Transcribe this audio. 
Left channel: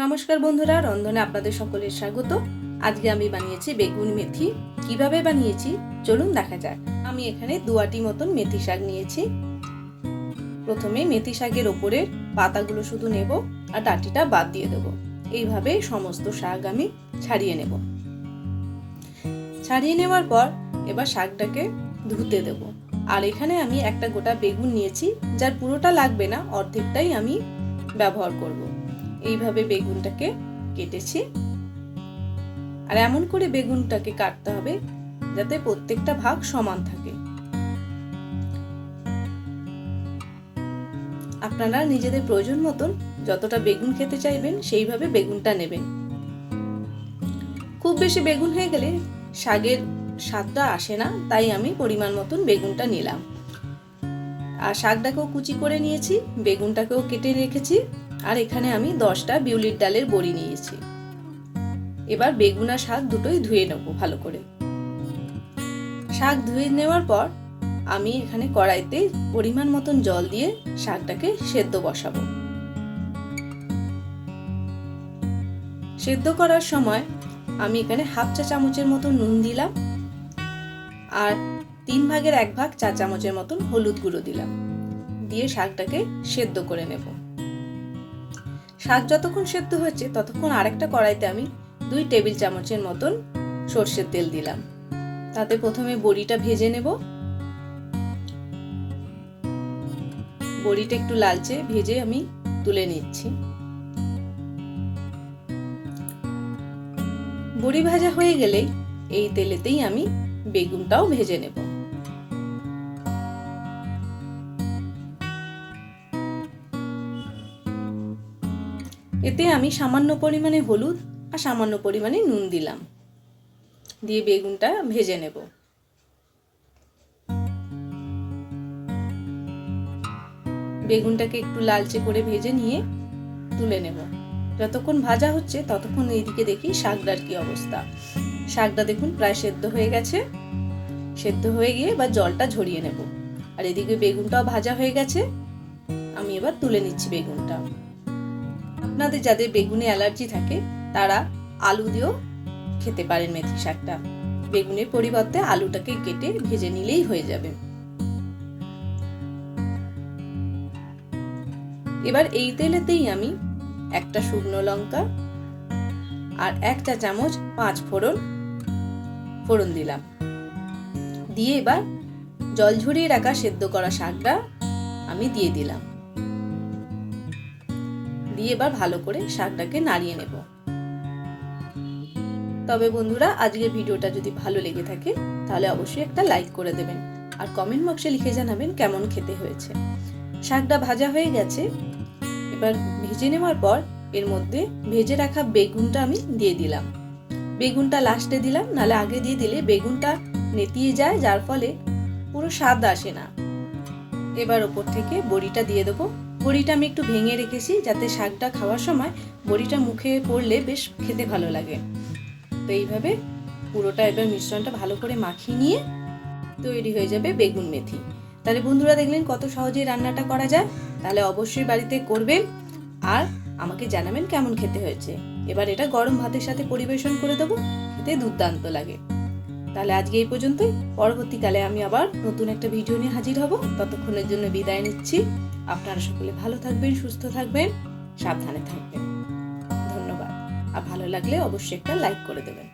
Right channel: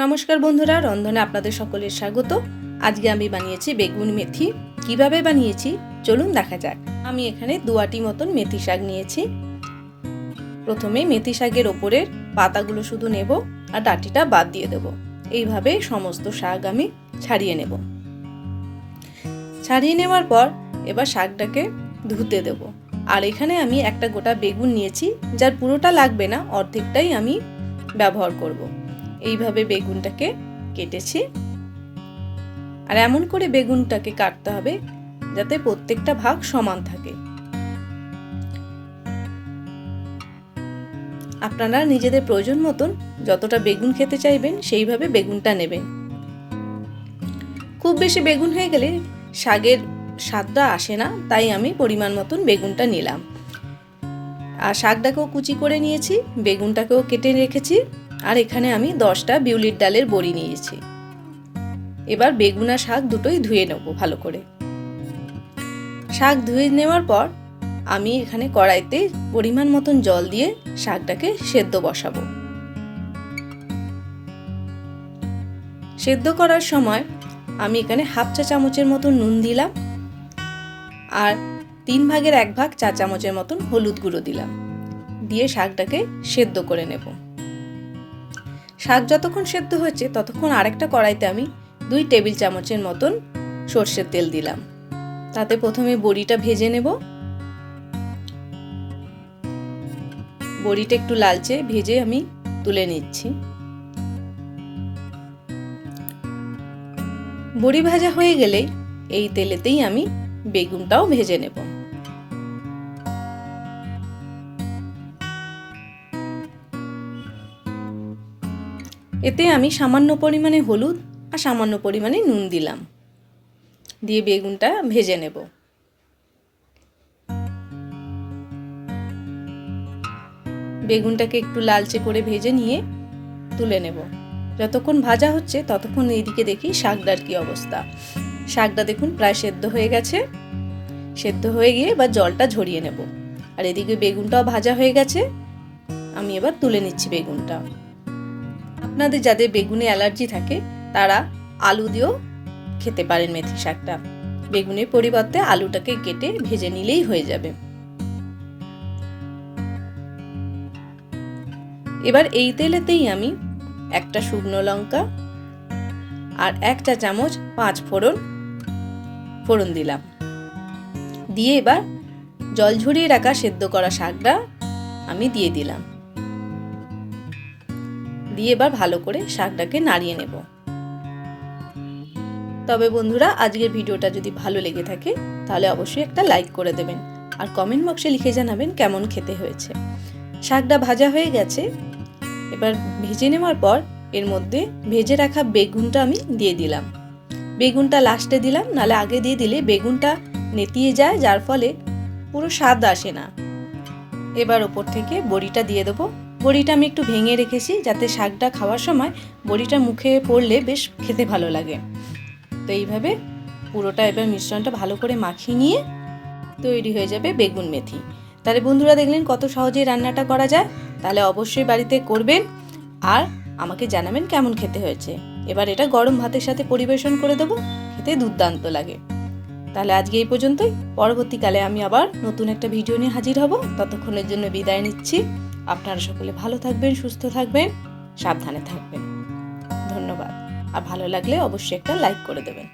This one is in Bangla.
নমস্কার বন্ধুরা, রন্ধনে আপনাদের সকলের স্বাগত। আজকে আমি বানিয়েছি বেগুন মেথি। কীভাবে বানিয়েছি? চলুন দেখা যাক। আমি এখানে দুয়াটি মতন মেথি শাক নিয়েছি। প্রথমে মেথি শাকের ওপরের পাতাগুলো শুধু নেব আর ডাটিটা বাদ দিয়ে দেব। এইভাবে সমস্ত শাক আমি ছাড়িয়ে নেব। ছাড়িয়ে নেওয়ার পর এবার শাকটাকে ধুতে দেব। আর এখানে আমি একটা গোটা বেগুন নিয়েছি, যার পুরোটা লাগবে না, অর্ধেকটাই আমি ব্যবহার করব। এইভাবে বেগুনটাকে কেটেছি। আর এমন করে বেগুনটাকে কাটতে হবে যাতে প্রত্যেকটা ভাগ সমান থাকে। আপনারা নিজেদের প্রয়োজন মতন যতটা বেগুন খেতে চাইবেন সেইভাবে বেগুনটা নেবেন। খুব বেশি বেগুন হয়ে গেলে শাকের স্বাদটা আসে না, তাই আমি পরিমাণ মতন বেগুনটা নিলাম। আর শাকটাকেও কুচি করে নিয়েছি, বেগুনটাকেও কেটে রেখেছি। আর এখানে আমি দশটা বিউলির ডালের বড়ি নিয়েছি। এবার বেগুনা শাক দুটোই ধুয়ে নেব ভালো করে। শাক ধুয়ে নেওয়ার পর আমি এখানে কড়াইতে পরিমাণ মতন জল দিয়ে শাকটাকে সেদ্ধ বসাবো। সেদ্ধ করার সময় আমি এখানে হাফ চা চামচের মতন নুন দিলাম আর তিন ভাগের এক ভাগ চা চামচের মতন হলুদ গুঁড়ো দিলাম। দিয়ে শাকটাকে সেদ্ধ করে নেব। শাক যতক্ষণ সেদ্ধ হচ্ছে ততক্ষণ আরেকটা কড়াইতে আমি দুই টেবিল চামচের মতন সর্ষের তেল দিলাম। তাতে প্রথমে বড়িটা ভেজে নেব। বড়িটা একটু লালচে ভেজে আমি তুলে নিচ্ছি। বড়ি ভাজা হয়ে গেলেই এই তেলেতেই আমি বেগুনটাও ভেজে নেব। এতে আমি সামান্য পরিমাণে হলুদ আর সামান্য পরিমাণে নুন দিলাম। দিয়ে বেগুনটা ভেজে নেব। বেগুনটাকে একটু লালচে করে ভেজে নিয়ে তুলে নেব। যতক্ষণ ভাজা হচ্ছে ততক্ষণ এইদিকে দেখি শাকটার কী অবস্থা। শাকটা দেখুন প্রায় সেদ্ধ হয়ে গেছে। সেদ্ধ হয়ে গিয়ে এবার জলটা ঝরিয়ে নেব। আর এদিকে বেগুনটাও ভাজা হয়ে গেছে। আমি এবার তুলে নিচ্ছি বেগুনটা। আপনাদের যাদের বেগুনে অ্যালার্জি থাকে, তারা আলু দিয়েও খেতে পারেন মেথি শাকটা। বেগুনের পরিবর্তে আলুটাকে কেটে ভেজে নিলেই হয়ে যাবে। এবার এই তেলেতেই আমি একটা শুকনো লঙ্কা আর এক চা চামচ পাঁচ ফোড়ন ফোড়ন দিলাম। দিয়ে এবার জল ঝরিয়ে রাখা সেদ্ধ করা শাকটা আমি দিয়ে দিলাম। দিয়ে এবার ভালো করে শাকটাকে নাড়িয়ে নেব। তবে বন্ধুরা, আজকের ভিডিওটা যদি ভালো লেগে থাকে, তাহলে অবশ্যই একটা লাইক করে দেবেন আর কমেন্ট বক্সে লিখে জানাবেন কেমন খেতে হয়েছে। শাকটা ভাজা হয়ে গেছে। এবার ভেজে নেওয়ার পর এর মধ্যে ভেজে রাখা বেগুনটা আমি দিয়ে দিলাম। বেগুনটা লাস্টে দিলাম নালে আগে দিয়ে দিলে বেগুনটা নেতিয়ে যায়, যার ফলে পুরো স্বাদ আসে না। এবার ওপর থেকে বড়িটা দিয়ে দেবো। বড়িটা আমি একটু ভেঙে রেখেছি যাতে শাকটা খাওয়ার সময় বড়িটা মুখে পড়লে বেশ খেতে ভালো লাগে। তো এইভাবে পুরোটা এবার মিশ্রণটা ভালো করে মাখিয়ে নিয়ে তৈরি হয়ে যাবে বেগুন মেথি। তাহলে বন্ধুরা দেখলেন কত সহজেই রান্নাটা করা যায়। তাহলে অবশ্যই বাড়িতে করবেন আর আমাকে জানাবেন কেমন খেতে হয়েছে। এবার এটা গরম ভাতের সাথে পরিবেশন করে দেবো, খেতে দুর্দান্ত লাগে। তাহলে আজকে এই পর্যন্তই। পরবর্তীকালে আমি আবার নতুন একটা ভিডিও নিয়ে হাজির হব। ততক্ষণের জন্য বিদায় নিচ্ছি। আপনারা সকলে ভালো থাকবেন, সুস্থ থাকবেন, সাবধানে থাকবেন। ধন্যবাদ। আর ভালো লাগলে অবশ্যই একটা লাইক করে দেবেন।